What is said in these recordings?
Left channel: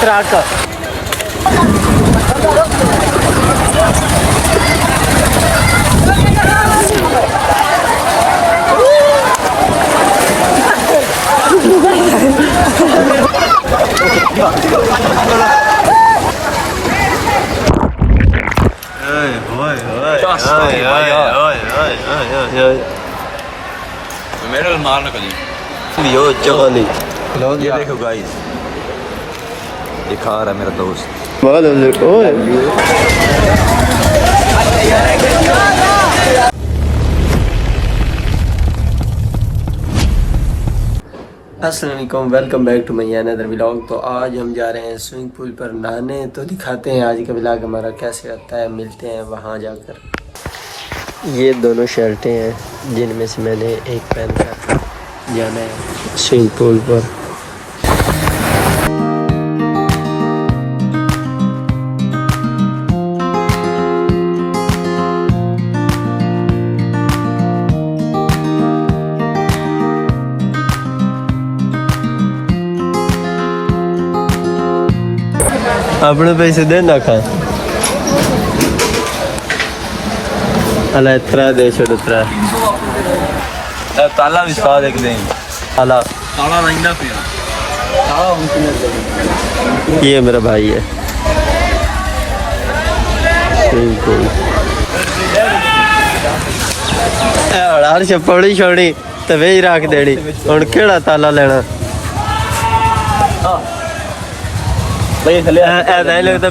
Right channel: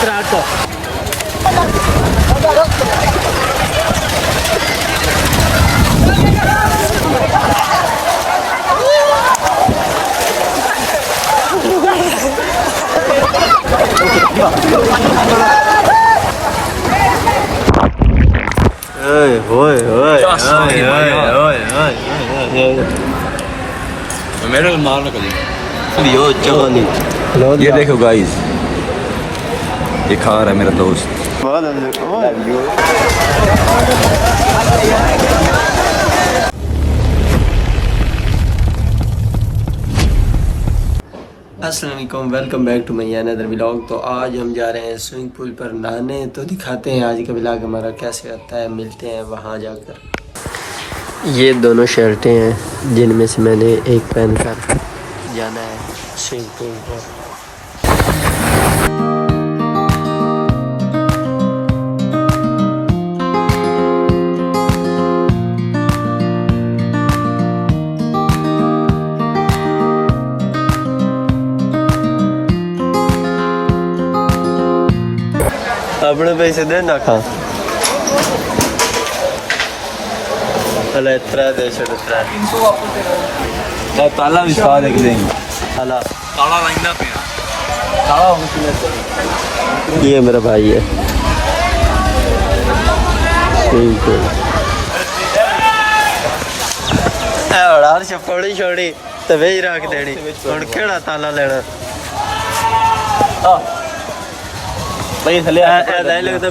Truck ये देखो guys, ये खा रहा है मेरा दोस्त। अस्सलाम वालेकुम, welcome back to my another vlog. तो आज हम जा रहे हैं स्विमिंग पूल पर नहाने, तो दिखाते हैं आज का व्लॉग हमारा कैसे रहता है। मिलते हैं वहाँ जाकर। ये दोनों शर्टें हैं जिनमें से मैंने एक पहन कर जाना है स्विमिंग पूल पर। अपने पैसे दे ना खा अला इतना दे इतना ताला भी खा देख नहीं ताला ताला रहना पिया ताला ये मेरा भाई है। यार चप्पड़ी छोड़ी तो वे रख देनी हुण केड़ा ताला लेना तो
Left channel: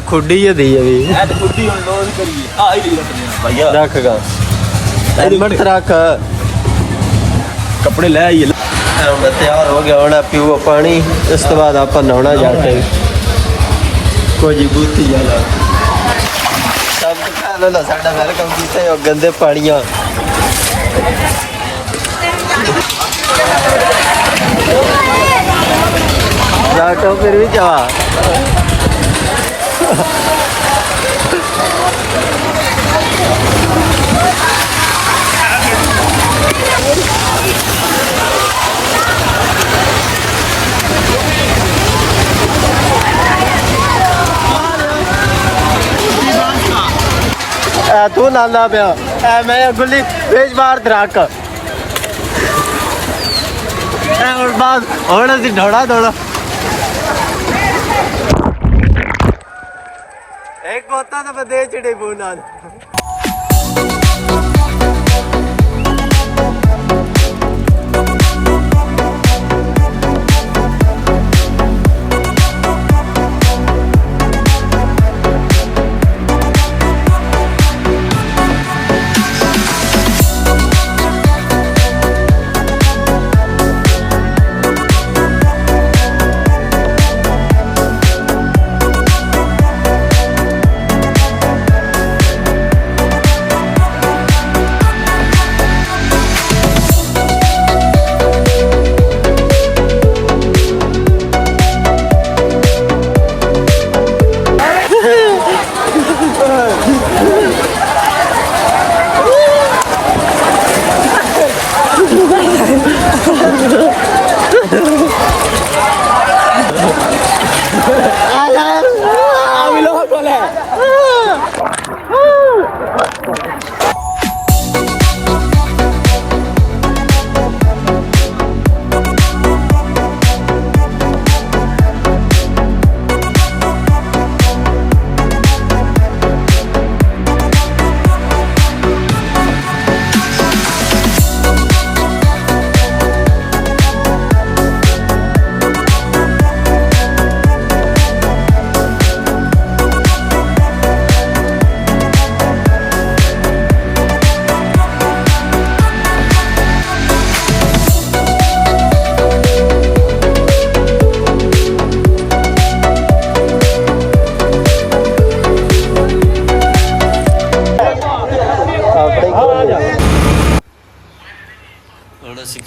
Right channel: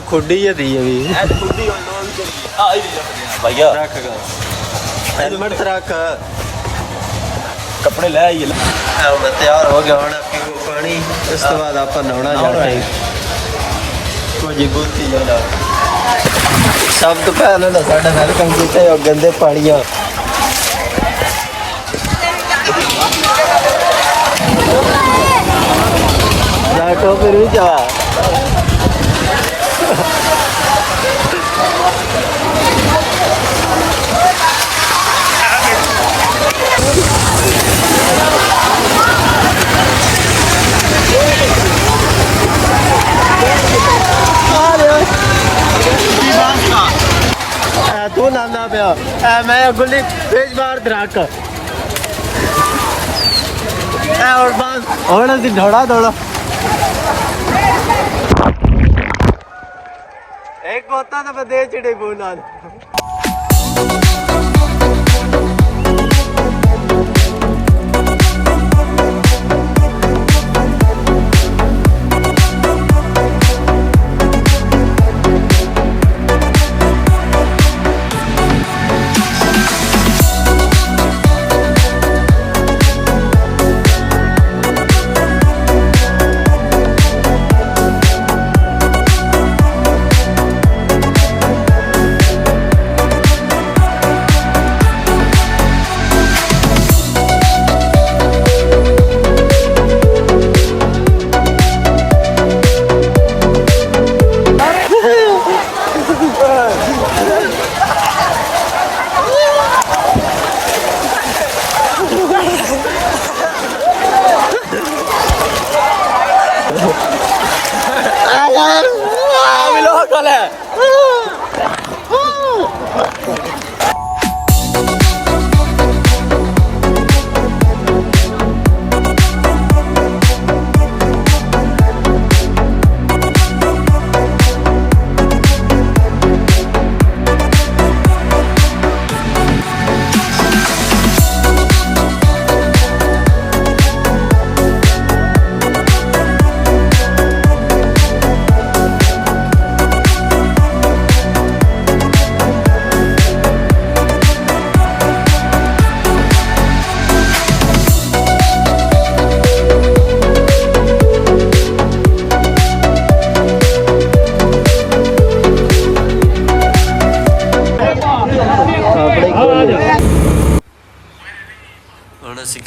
खुडी ही दी अभी रख गा रख कपड़े ले आइए। मैं तैयार हो गया होना पीओ पानी, उस तो बाद आप नहाना जाके कोई बूती जाना सब तो पहले ना साढ़े वेलकम किए और गंदे पानिया फिर भी जा तू नाना पिया मैं गुल्ली बेच बाहर दराक और बाद थोड़ा सी ढोड़ा थोड़ा एक होता तो मैं दे चिड़े बोला।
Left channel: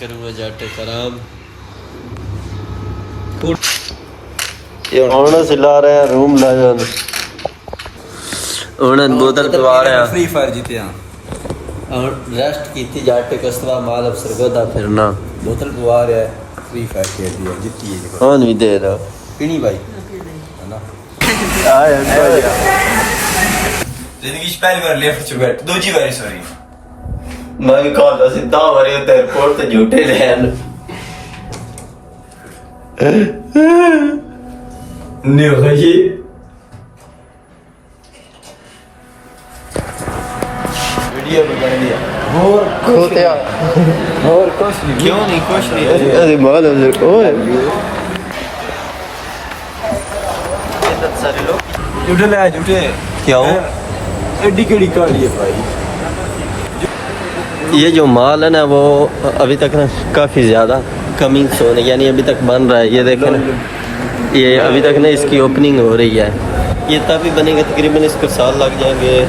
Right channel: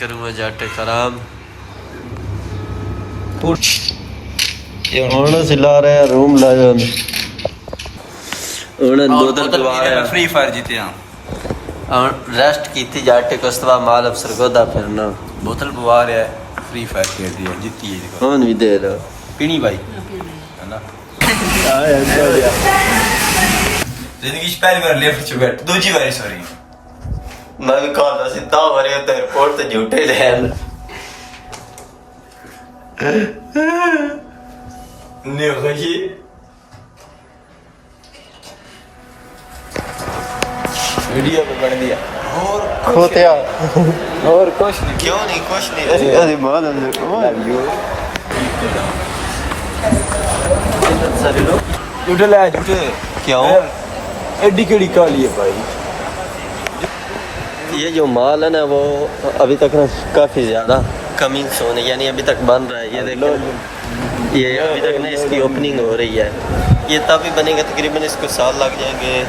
करूँगा जाटे खराब सिला रहे हैं रूम ला जान बोतल पिवा रहे हैं फ्री फायर जीते हैं और रेस्ट की थी जाटे कस्तवा माल अफसर को दा फिरना बोतल पिवा रहे हैं फ्री फायर खेल दिया जीती है कौन भी दे रहा पीनी भाई जिंदगी पहली बार लिफ्ट च बैठ दूजी बारी सॉरी मैं भी कहता सीधा हमारे एयरपोर्ट से झूठे लैन नहीं होगा ये वीडियो में बन दिया और कुछ नहीं क्यों नहीं कुछ नहीं अरे मालूम है ओए इतने सारे लोग झूठे ले झूठे क्यों एडी केड़ी काली है भाई ये जो माल है ना वो अभी तक काफ़ी ज़्यादा कमिंग सोन है यानी अभी तक बन रहा है ये देखें ये अभी तक ना इसकी ओपनिंग हो रही है ये तभी बनेगा तकरीबन इसको साल लग जाएंगे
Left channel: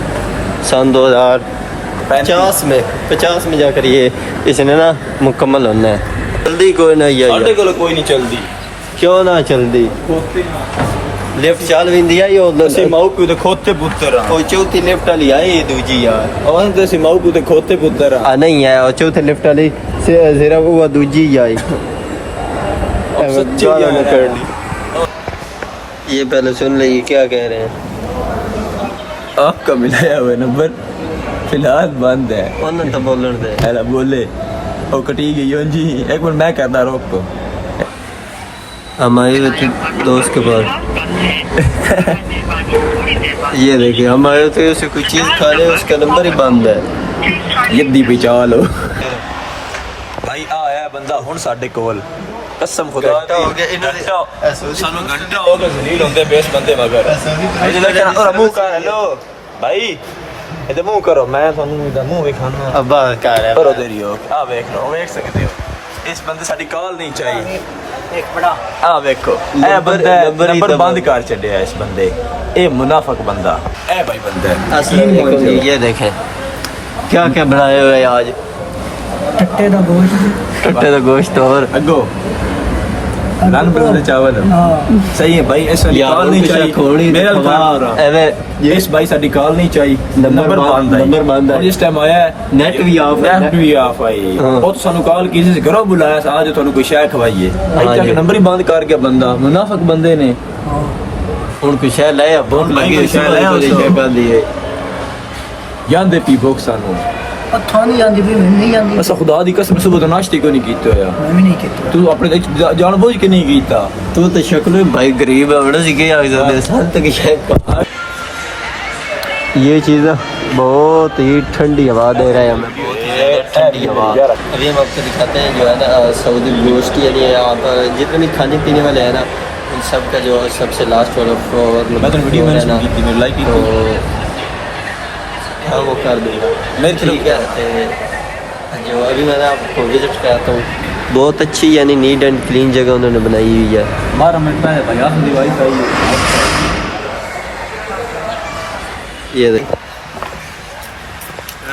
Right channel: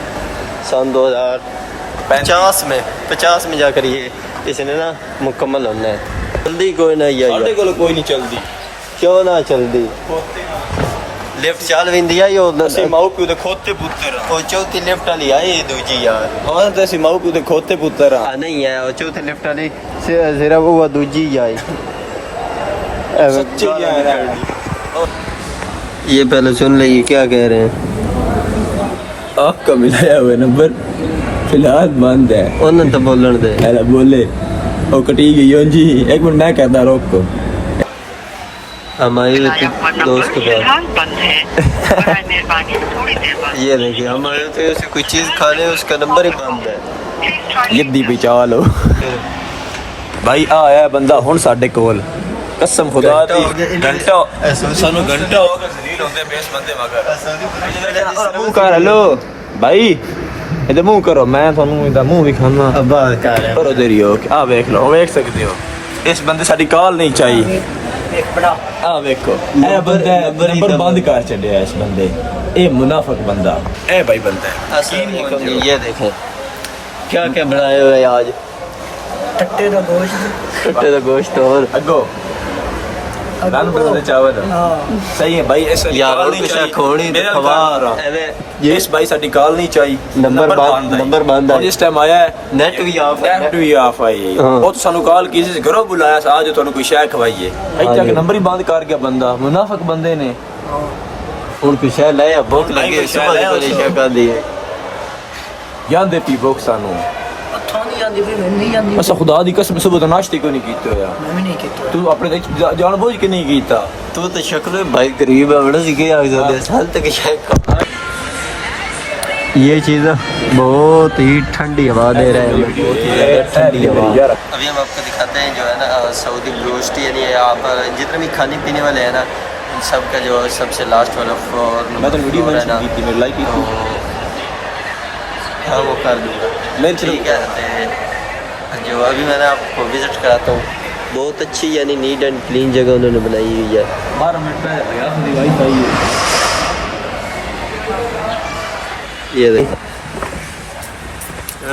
सन 2050 में जाकर ये इसने ना मुकम्मल होना है जल्दी कोई ना ये साडे कोल कोई नहीं चलदी क्यों ना चलती लिफ्ट चल भी दिया यो ਅਸੀਂ ਮਾਉ ਪਿਓ ਦੇ ਖੋਤੇ ਪੁੱਤਰ ਆ और चौथी लिफ्ट वाली आई ये दूजी यार और तो ਅਸੀਂ ਮਾਉ ਪਿਓ ਦੇ ਖੋਤੇ ਪੁੱਤਰ ਆ नहीं है और चौथे लिफ्ट वाली सिर्फ वो दूजी आई ये पहले सुन ले ये क्या कह रहे हैं आपका मिलाया हुआ नंबर फिलहाल बंद है उन्होंने तो बोलने दे अरे बोले और कटी गई हो जी एक मिनट मैं कहता रोक को हमारे दोस्त को ये देखिए हमारे तो उसे कोई चीज़ खा ले उसका नंबर ही बंद है यद्दी बचा लो भाई आया बंदा हुन साडे कोल कसम खुदा दी घंटा सानू घंटा हो गया जलील होंदे बेस बंदे मगर और मुंह कर हेलो भाई इधर मुंह करो मैं थानू इधर मुंह दिखाना अब्बा क्या है करो देरी हो आ देख लो देख सकते हो इस बंदे साडी कॉल नहीं चाहिए आ देखो ए बंदा नंबर बंद कर छड़िया इस बंदे ए मुनाफिक बंदा ए भाई बंदा अस्सलाम वालेकुम जी ये देखें क्या क्या बनाए हुए हैं आज टट्टे का गोश्त और अगो लान बंदे चावल सही है भाई ऐसा कॉल नहीं चाहिए मेरा खबर इस भाई साडी कॉल नहीं चाहिए नंबर बंद है जिस टाइम आया है नेट भी ऑफ आई वो तो सानू कॉल किसी से घरों बुलाया आज थानू कोई शय खवाइए भाई नंबर ही बंद कर गया बंदा मुनाफिक बंदे ने ਹੁਣ ਪਿਛੇ ਲੈ ਭੁੱਖ ਲੱਗੀ ਹੈ ਸੁਬਾਹ ਕੋਲੇ ਜਗ੍ਹਾ ਦੀ ਹੈ ਜਾਂਦੇ ਪੀ ਭੁੱਖ ਸਾਨੂੰ हथों नहीं आती भी मैं नहीं आती असा खुदा दी कसम सुबह तो नाश्ते को नहीं कीता होया मैं भी नहीं किया तू अपने जान बुझ के नहीं कीता तू तो शक्ल में भाई गरीब है बड़ा सी क्या साल तक ये चीज़ ना बहुत ही ठंडी हवा दे रहे हैं हमें बहुत ही ज़्यादा ठंडी हवा अभी हम आपको दिखाते हैं जो है ना सऊदी ब्रोस्ट यानी आप जितने भी खाने पीने वाले हैं ना उन सब का जो सबसे लास्ट वाला फ्लोर है ना तो हाँ वो कर दूँगा ठीक है तो जो अभी मैंने आपको विज़िट कराता हूँ बहुत अच्छी यानी नीट एंड क्लीन जगह उन्होंने बनाई हुई है 12 मिनट पहले भाई आप दी वाईफाई ये देखो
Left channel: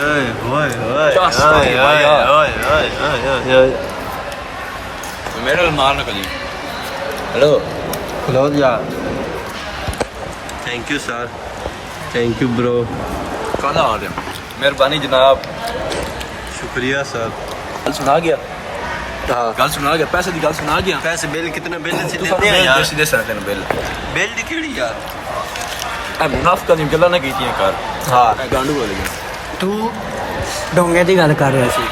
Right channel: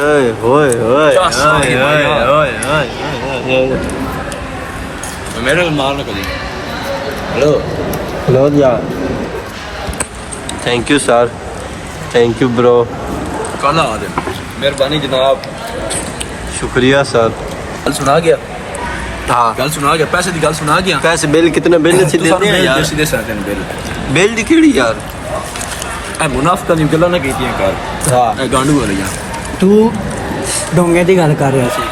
ओए ओए ओए ओए ओए ओए ओए मेरे मार कदी हेलो हेलो भैया thank you sir thank you bro खाना आ गया मेहरबानी जनाब शुक्रिया सर गल सुना गया हाँ गल सुना गया पैसे की गल सुना गया पैसे बिल कितना बिल से देते हैं यार सीधे साथ बिल बिल दी केड़ी यार मुनाफिक दी गल्लां ना कीतियां कर हाँ ए गांडू वाली तू डोंगे की गल कर रहा सी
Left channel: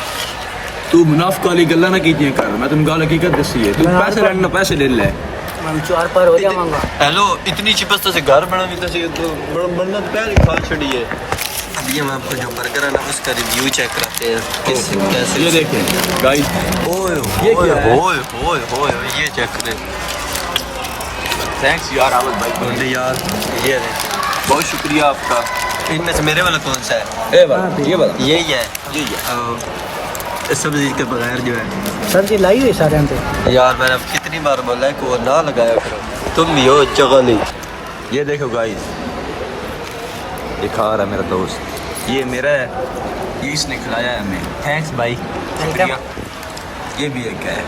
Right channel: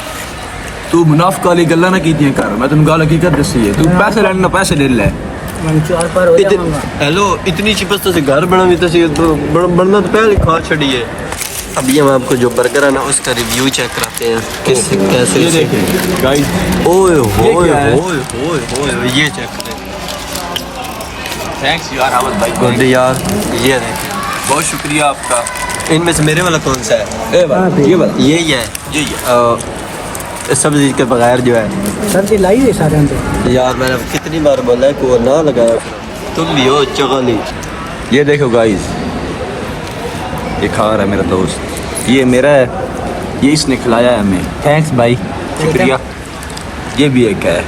तू मुनाफिक वाली गल्लां ना कीतियां कर मैं तन्नू गल हकीकत दसी है तू पैसे लेना पैसे ले ले मैं चार पर हो जाऊंगा हेलो इतनी चिपस तो घर बना भी तो बनना तो पहले खा छड़ी है अभी हम आपको जो बर्गर है ना उसका रिव्यू चेक करते हैं किससे कैसे ये देखें गाइस ओए होए होए होए होए ये चेक करें थैंक्स यार गुड यार ये देखें बहुत शुक्रिया आपका इनमें से मेरे वाला कौन सा है ए भाई ये बता यही है सब्जी के बगैर जो है सब्जी लाई हुई सारे यार मैंने कितनी बार बोला है कि वो ना लगाया करो तुम भी हो चगली ये देखो गाइस ये खा रहा है मेरा दोस्त ये मेरा है ये इसने खिलाया है हमें थैंक्स भाई शुक्रिया ये भी एक है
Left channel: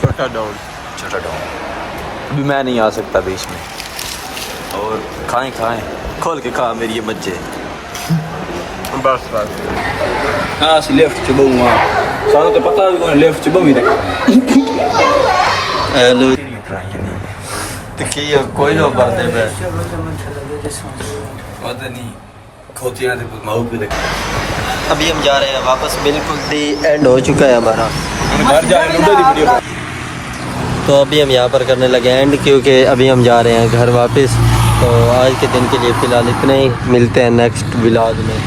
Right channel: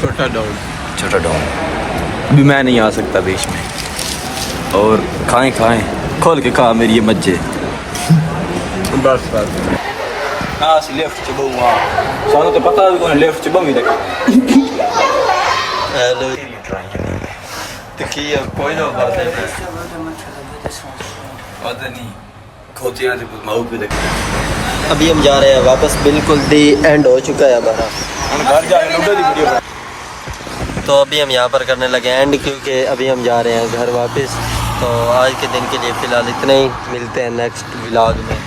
छोटा डॉग अभी मैं नहीं आ सकता बीच में और खाएं खोल के खा मेरी ये मज्जे बस हाँ लेफ्ट चुबो वहाँ सारा तो पता है लेफ्ट चुबो मेरे हेलो तो کوئی لوگ باتیں نہیں کھوتیاں ماؤ پہ لگے. ابھی ہم جا رہے ہیں واپس, بالکل دی اینڈ ہو چکا ہے ہمارا. تو ابھی ہم یہاں پر کرنے لگے اینڈ, کیونکہ ابھی ہم جا رہے ہیں گھر واپس. تو آج کے دن کے لیے فی الحال اتنا ہی, ملتے ہیں نیکسٹ ولاگ میں.